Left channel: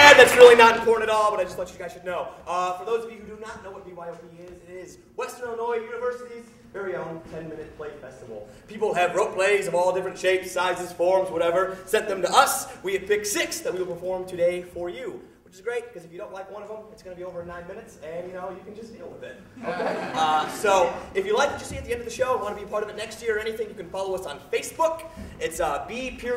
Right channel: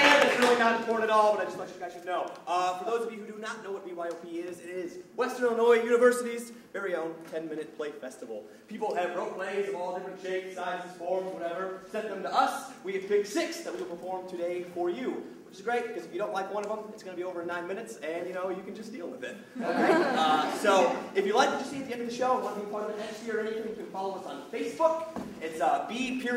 bad. That's really not important at all, but I just thought you guys should know. For those of you who do not know what BYOP is, it is Western Illinois University's very own 10-minute play festival. People have wrote plays of all different shapes, sizes, forms, whatever, sent them to us. We have picked 6 that we will perform today for you, which is great, because if you don't like one of them, it's going to be over in 9 minutes, and, you know, you can just deal with it. Okay? So, if you like what you see at the end of the show and want to be part of it next year or anything, you can follow us on Facebook. It's B.Y.O.P.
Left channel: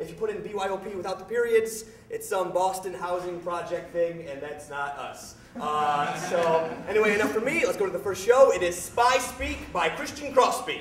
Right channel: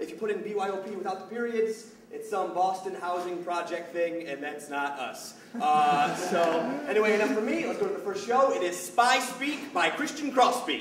If you put in BYOP without the periods, it's some Boston housing project thing, and that's not us. So, anyway, enough for me. Let's go to the first show. It is Spyspeak by Christian Crosby.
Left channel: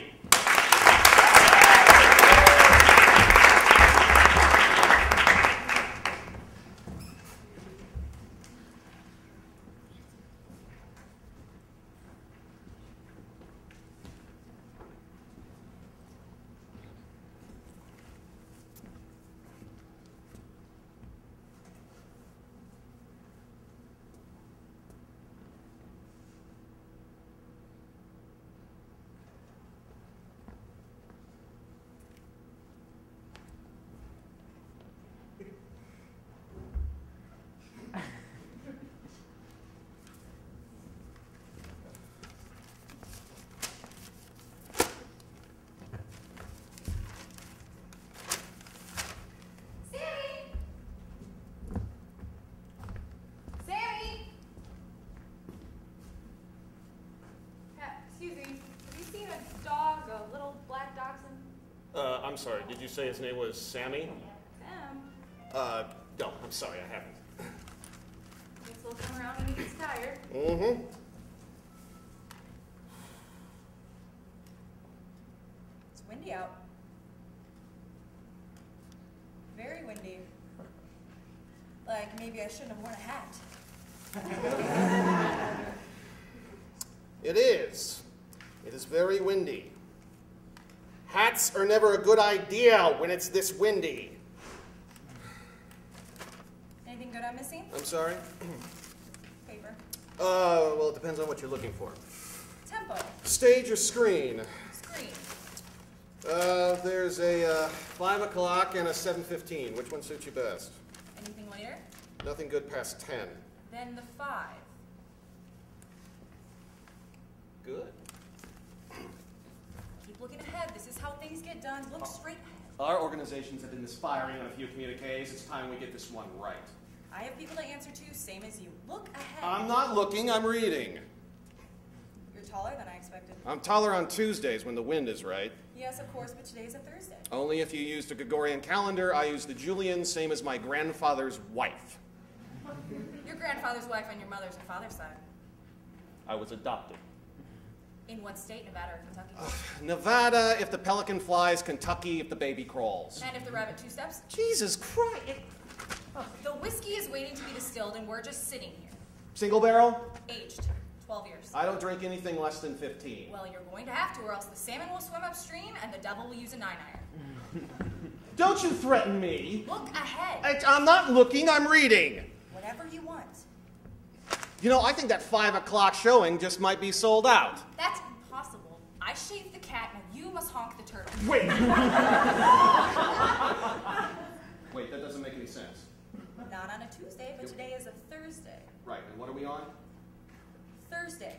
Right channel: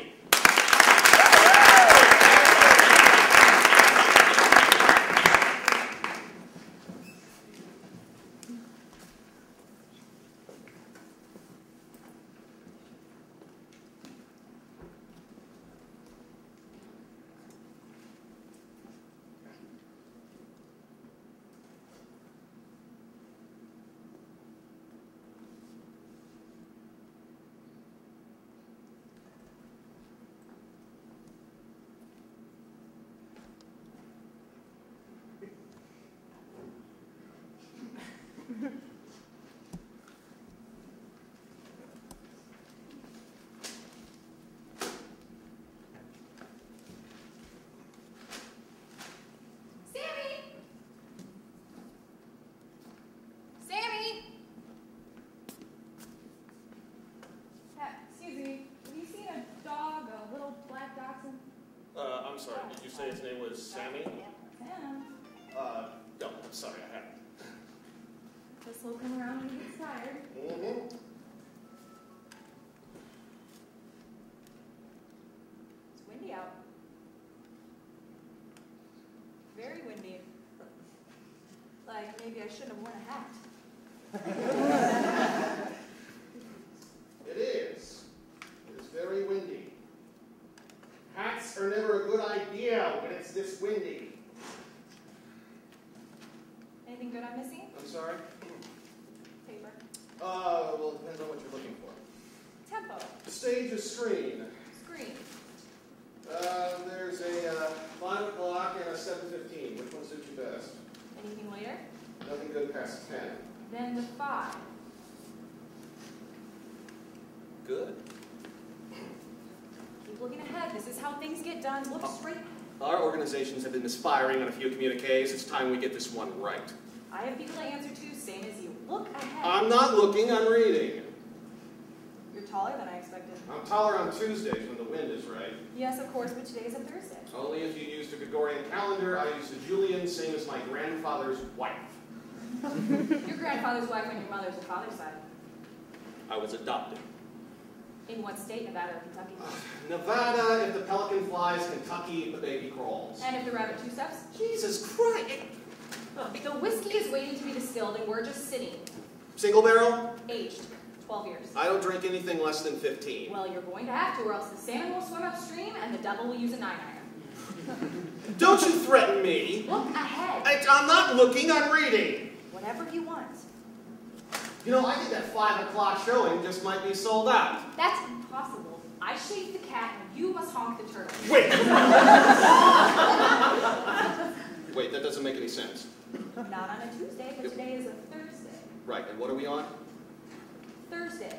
I'm sorry, did you say his name was Sammy? Sam. No, I'm sorry, I haven't. Guess he'll come around when he gets tired. Mm-hmm. It's windy out. Very windy. Like, maybe I shouldn't have worn a hat. It is. It is very windy. Hats are never a good idea when it's this windy. Anything good I'm missing? I'm sorry? Paper. Well, it depends on what you're looking for. Tempo. Stage or screen? Screen. There's a 5 o'clock and a 7:15. Which one suits you best? Anything later? Nothing good past 10. Then the 5. Good. Keep looking ahead. This is how things get done. Look straight. Our organizations have been misfiring on a few communiques. It's time we get this one right. I have people to answer to, same as you. Look ahead. I'm not looking, I'm reading. You're taller than I expected. I'm taller on Tuesdays when the wind is right. Yes, of course, but today is a Thursday. Only if you used a Gregorian calendar. I used a Julian, same as my grandfather's wife. Your grandfather's wife on your mother's or father's side. I was adopted. In what state, Nevada or Kentucky? Nevada if the pelican flies, Kentucky if the baby crawls. And if the rabbit 2 steps? Jesus Christ! The whiskey is waiting to be distilled and we're just sitting. Single barrel? Aged. 12 years. I don't drink anything less than 15. Well, you're going to have to, or else the salmon will swim upstream and the devil will use a 9-iron. Don't you threaten me! Look ahead. I'm not looking, I'm reading! Whatever you want. You know, I think that 5 o'clock showing just might be sold out. That's impossible. I shaved the cat and you must honk the turtle. Wait! Wait, that doesn't make any sense. Not on a Tuesday, but today is a Thursday. Right, and what are we on? Thursday.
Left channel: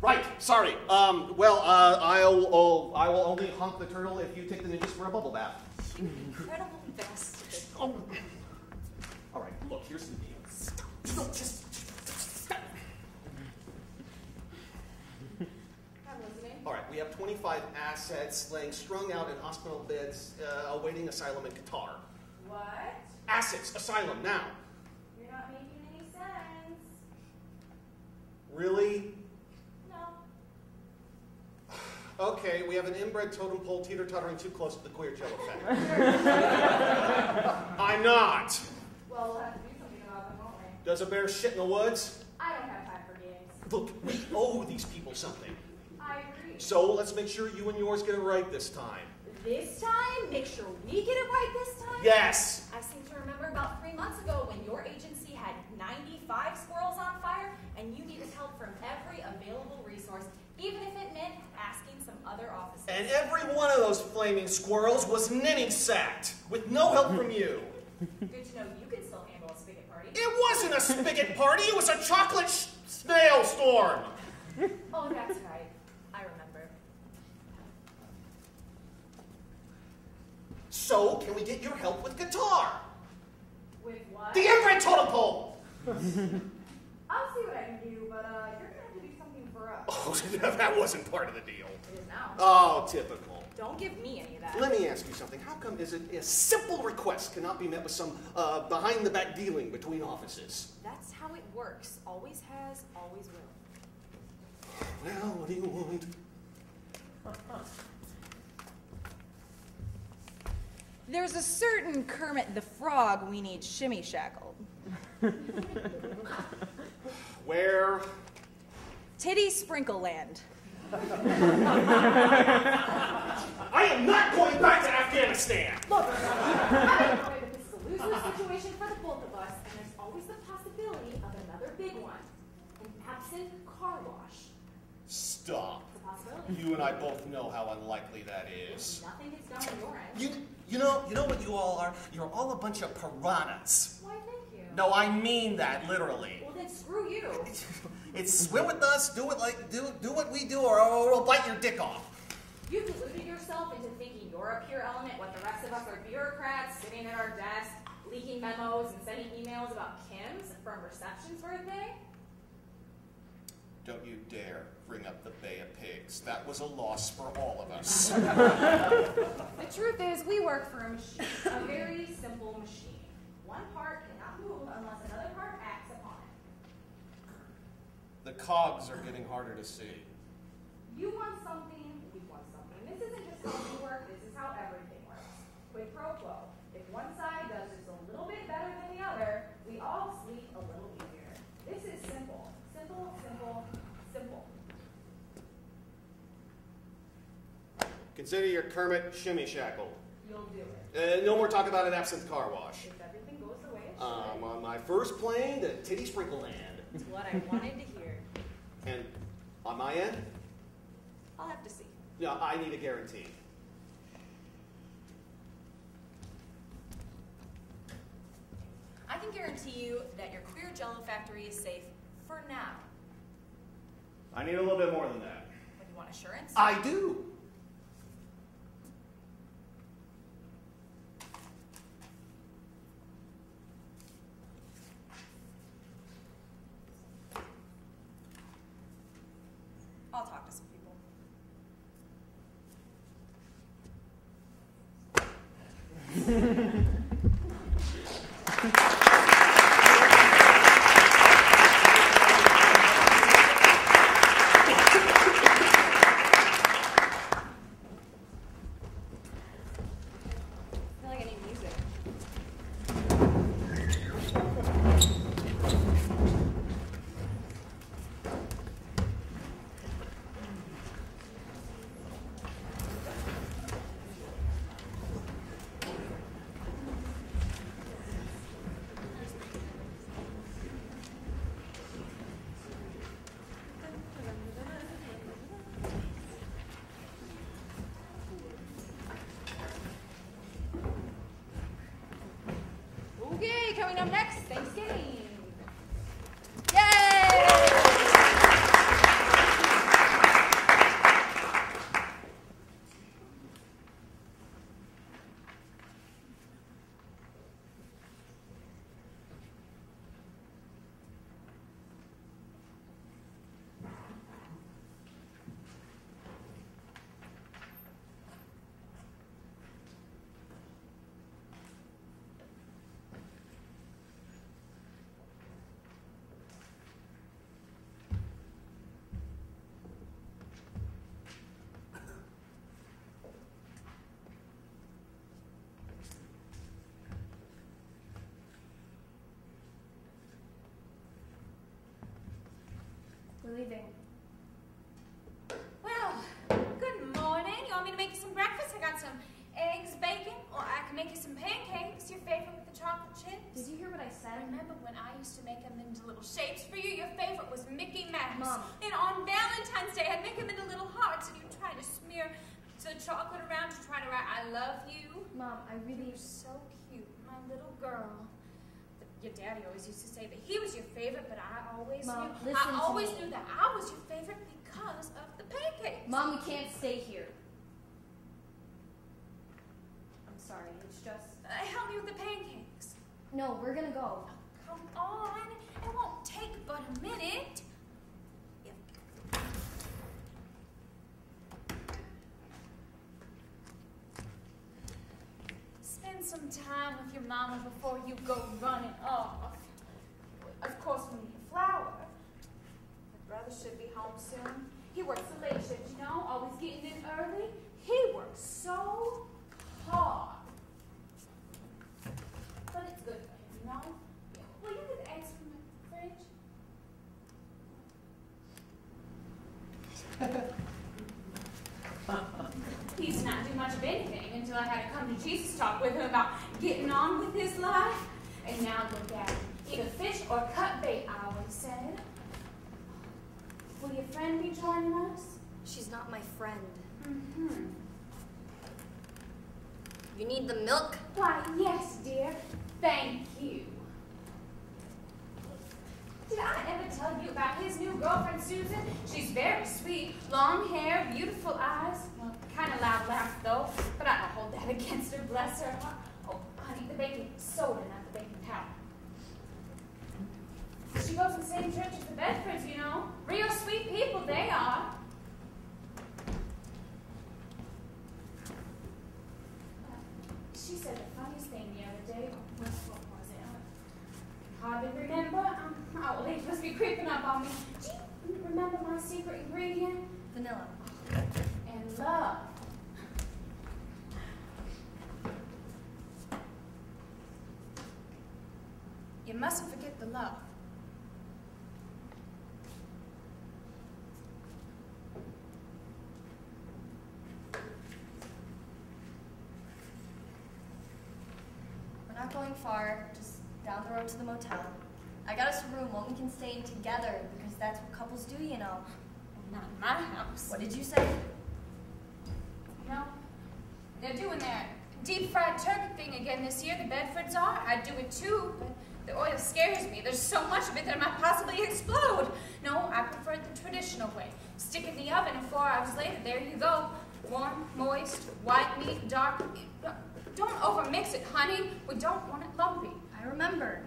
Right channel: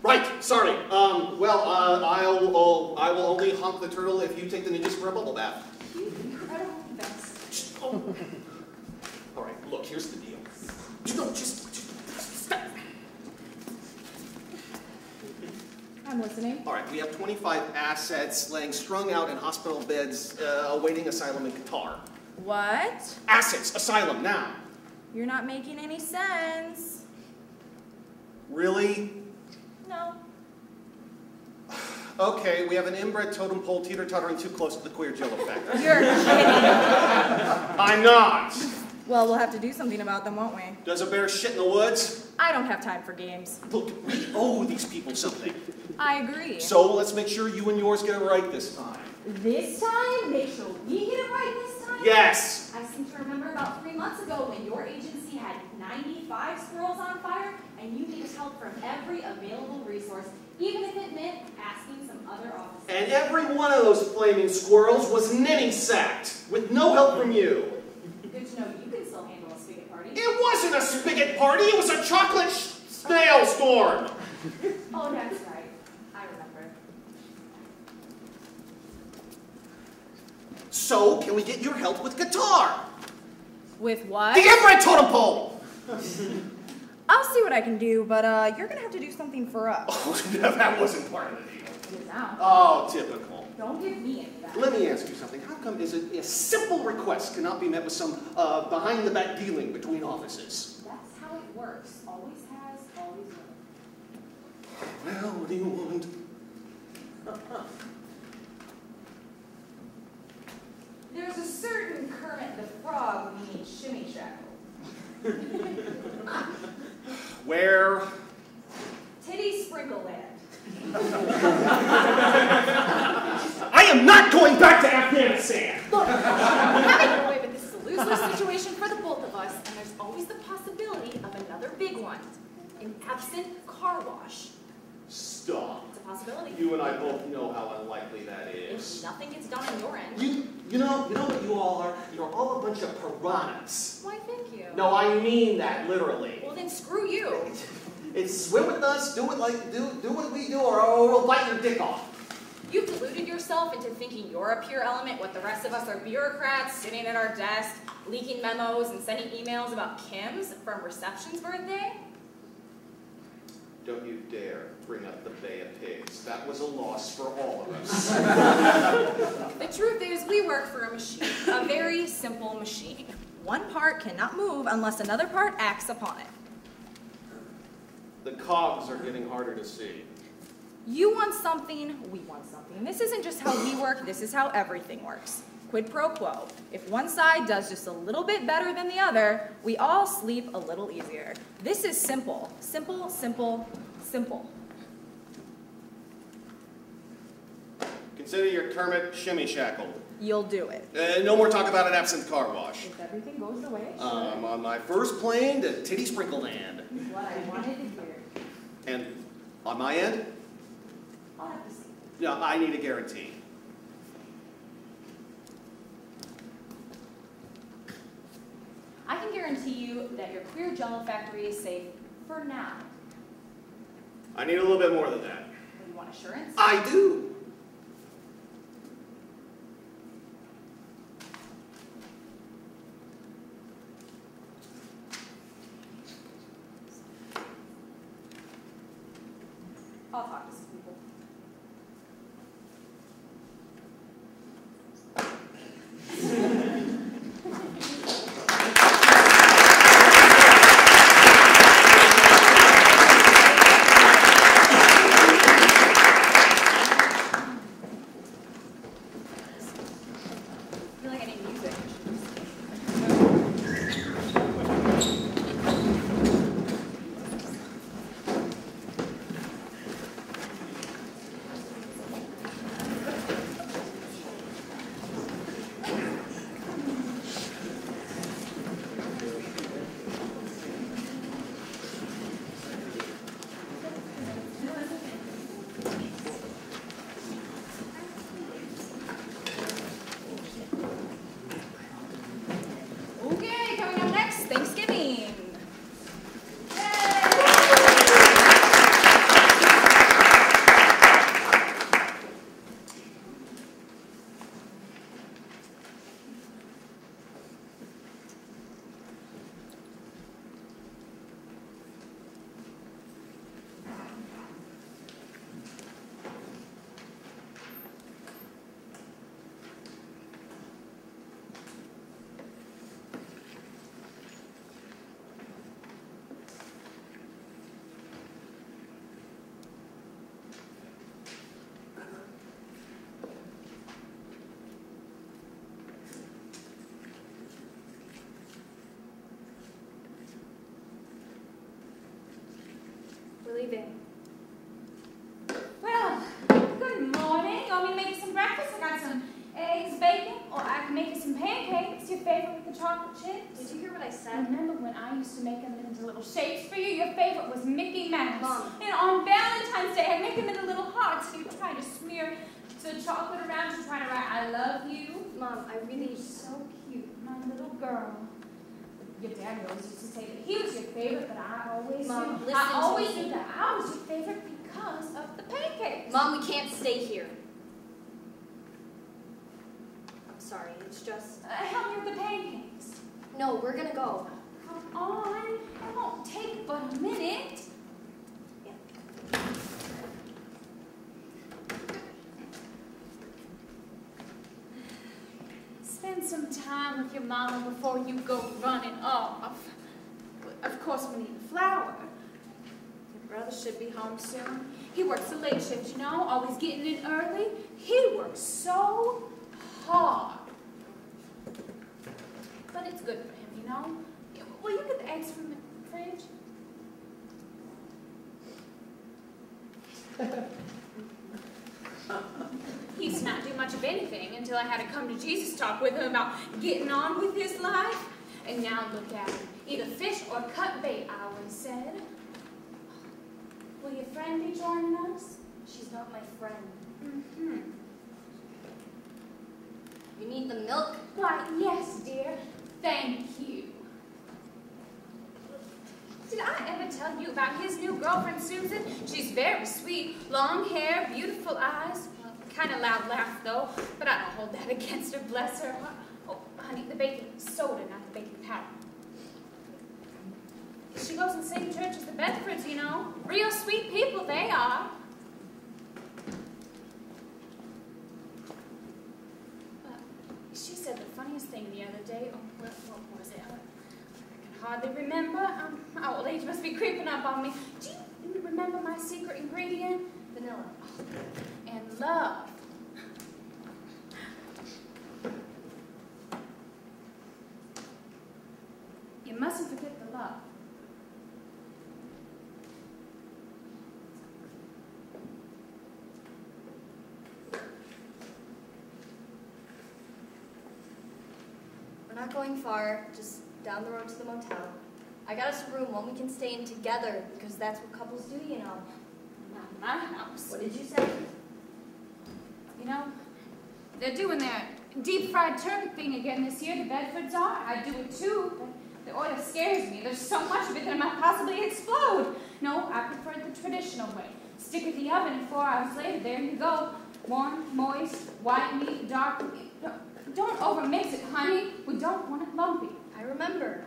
Right, sorry. I will only honk the turtle if you take the ninjas for a bubble bath. Incredible confess. Oh. All right, look, here's the deal. Just I'm listening. All right, we have 25 assets laying strung out in hospital beds awaiting asylum in Qatar. What? Assets, asylum, now. You're not making any sense. Really? No. Okay, we have an inbred totem pole teeter-tottering too close to the queer Jill effect. You're kidding. I'm not. Well, we'll have to do something about them, won't we? Does a bear shit in the woods? I don't have time for games. Look, we owe these people something. I agree. So let's make sure you and yours get it right this time. This time? Make sure we get it right this time? Yes! I seem to remember about 3 months ago when your agency had 95 squirrels on fire, and you needed help from every available resource, even if it meant asking some other offices. And every one of those flaming squirrels was ninny-sacked, with no help from you. Good to know you can still handle a spigot party. It wasn't a spigot party, it was a chocolate snail storm. Oh, that's right. I remember. So, can we get your help with guitar? With what? The infrared totem pole! I'll see what I can do, but you're gonna have to do something for us. Oh, that wasn't part of the deal. It is now. Oh, typical. Don't give me any of that. Let me ask you something. How come a simple request cannot be met with some behind-the-back dealing between offices? That's how it works. Always has, always will. Well, what do you want? There's a certain Kermit the Frog we need shimmy shackled. Where? Titty Sprinkle Land. I am not going back to Afghanistan! Look, having it away with this is a lose-lose situation for the both of us, and there's always the possibility of another big one. An absent car wash. Stop. It's a possibility. You and I both know how unlikely that If is. nothing gets done on your end. You know what you all are? You're all a bunch of piranhas. Why, thank you. No, I mean that literally. Well, then screw you. It's swim with us, do what we do, or we'll bite your dick off. You've deluded yourself into thinking you're a pure element, what the rest of us are bureaucrats sitting at our desk, leaking memos and sending emails about Kim's from reception's birthday? Don't you dare bring up the Bay of Pigs. That was a loss for all of us. The truth is, we work for a machine, a very simple machine. One part cannot move unless another part acts upon it. The cogs are getting harder to see. You want something, we want something. This isn't just how we work, this is how everything works. Quid pro quo. If one side does just a little bit better than the other, we all sleep a little easier. This is simple. Simple, simple, simple. Consider your Kermit shimmy shackled. You'll do it. No more talk about an absent car wash. If everything goes the way it should. On my first plane to Titty Sprinkle Land. What I wanted to hear. And on my end, I'll have to see. no, I need a guarantee. I can guarantee you that your queer jello factory is safe for now. I need a little bit more than that. But you want assurance? I do. I'll talk to some people. I feel like I need music. chocolate chips? Did you hear what I said? Remember when I used to make them into little shapes for you? Your favorite was Mickey Mouse. Mom. And on Valentine's Day, I'd make them into little hearts, and you'd try to smear the chocolate around you, trying to write, I love you. Mom, I really... You're so cute, my little girl. Your daddy always used to say that he was your favorite, but I always Mom, knew. listen I to always me. knew that I was your favorite because of the pancakes. Mom, we can't stay here. I'm sorry, it's just... Help me with the pancakes. No, we're gonna go. Come on, it won't take but a minute. Spend some time with your mama before you go running off. Of course, we need a flower. Your brother should be home soon. He works a late shift, you know, always getting in early. He works so hard. But it's good for him, you know? Will you get the eggs from the fridge? He used to not do much of anything until I had to come to Jesus talk with him about getting on with his life. And now look at him. Either fish or cut bait, I always said. Will your friend be joining us? She's not my friend. Mm-hmm. You need the milk? Why, yes, dear. Thank you. Did I ever tell you about his new girlfriend, Susan? She's very sweet. Long hair, beautiful eyes. Kind of loud laugh, though, but I don't hold that against her, bless her. Oh, honey, the baking soda, not the baking powder. She goes to the same church as the Bedfords, you know. Real sweet people, they are. She said the funniest thing the other day. Oh, what was it? I can hardly remember. My old age must be creeping up on me. Do you remember my secret ingredient? Vanilla. And love. You mustn't forget the love. We're not going far, just down the road to the motel. I got us a room, one we can stay in together, because that's what couples do, you know. Not my house. What did you say? You know, they're doing their deep fried turkey thing again this year. The Bedfords are. I do it too, but the oil scares me. There's so much of it that it might possibly explode. No, I prefer it the traditional way. Stick it in the oven, and 4 hours later, there you go. Warm, moist, white meat, dark meat. Don't overmix it, honey. We don't want it lumpy. I remember.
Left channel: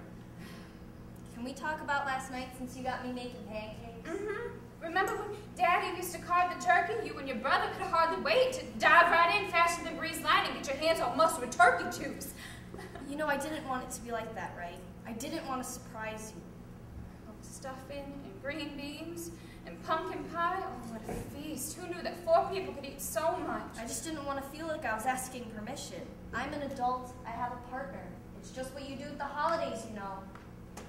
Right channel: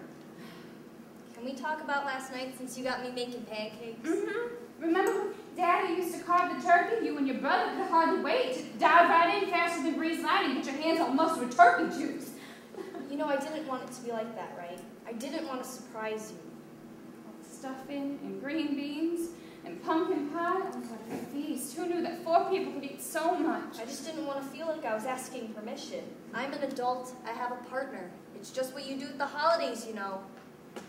Can we talk about last night since you got me making pancakes? Mm-hmm. Remember when Daddy used to carve the turkey? You and your brother could hardly wait to dive right in faster than breeze light and get your hands all mussed with turkey juice. You know, I didn't want it to be like that, right? I didn't want to surprise you. Stuffing and green beans and pumpkin pie. Oh, what a feast. Who knew that 4 people could eat so much? I just didn't want to feel like I was asking permission. I'm an adult. I have a partner. It's just what you do at the holidays, you know.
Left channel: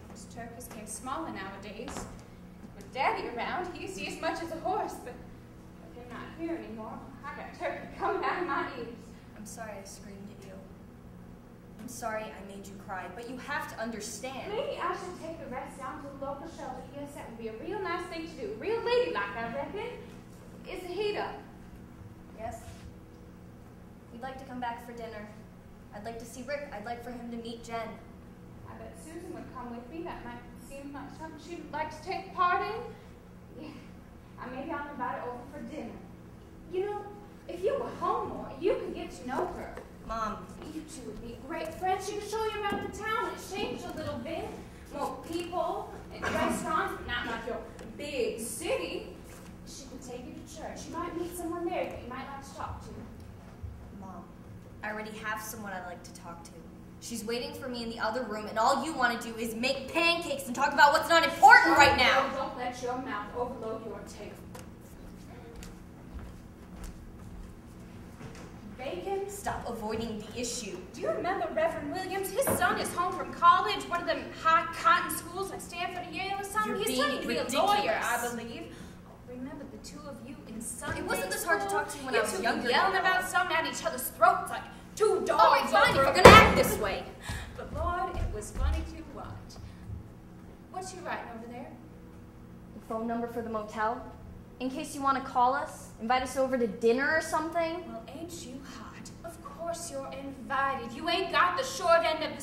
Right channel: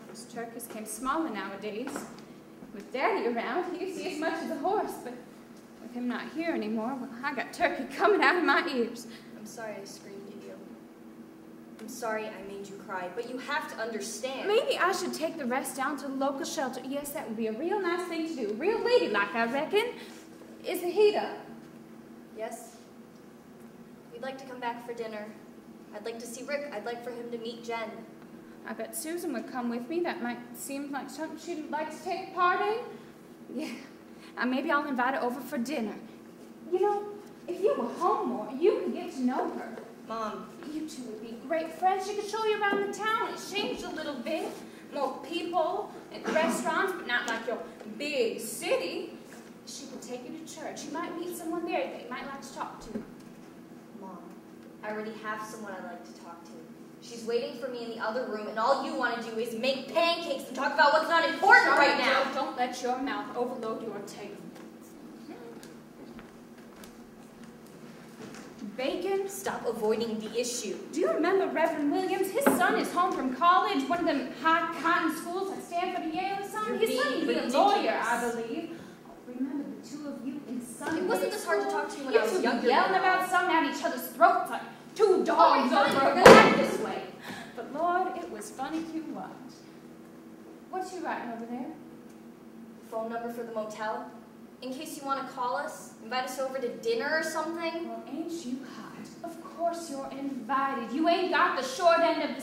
Those turkeys came smaller nowadays. With Daddy around, he could see as much as a horse, but with him not here anymore, well, I got turkey coming out of my ears. I'm sorry I screamed at you. I'm sorry I made you cry, but you have to understand. Maybe I should take the rest down to the local shelter. Yes, that would be a real nice thing to do. Real ladylike, I reckon. Is the heat up? Yes. We'd like to come back for dinner. I'd like to see Rick. I'd like for him to meet Jen. I bet Susan would come with me. That might seem like something she'd like to take part in. Yeah. Maybe I'll invite her over for dinner. You know, if you were home more, you could get to know her. Mom. You two would be great friends. She could show you around the town. It's changed a little bit. More people and restaurants, but not like your big city. She could take you to church. You might meet someone there that you might like to talk to. Mom, I already have someone I'd like to talk to. She's waiting for me in the other room, and all you want to do is make pancakes and talk about what's not important right now. Don't let your mouth overload your tail. Bacon? Stop avoiding the issue. Do you remember Reverend Williams? His son is home from college, one of them high cotton schools like Stanford or Yale or something. He's studying to be a lawyer, I believe. Remember the 2 of you in Sunday It wasn't this hard to talk to you when I was two younger. yelling about something at each other's throats like 2 dogs. All right, fine, if over you're a gonna act this way. But Lord, over there? The phone number for the motel? In case you want to call us, invite us over to dinner or something? Well, ain't you hot? Of course you're invited. You ain't got the short end of the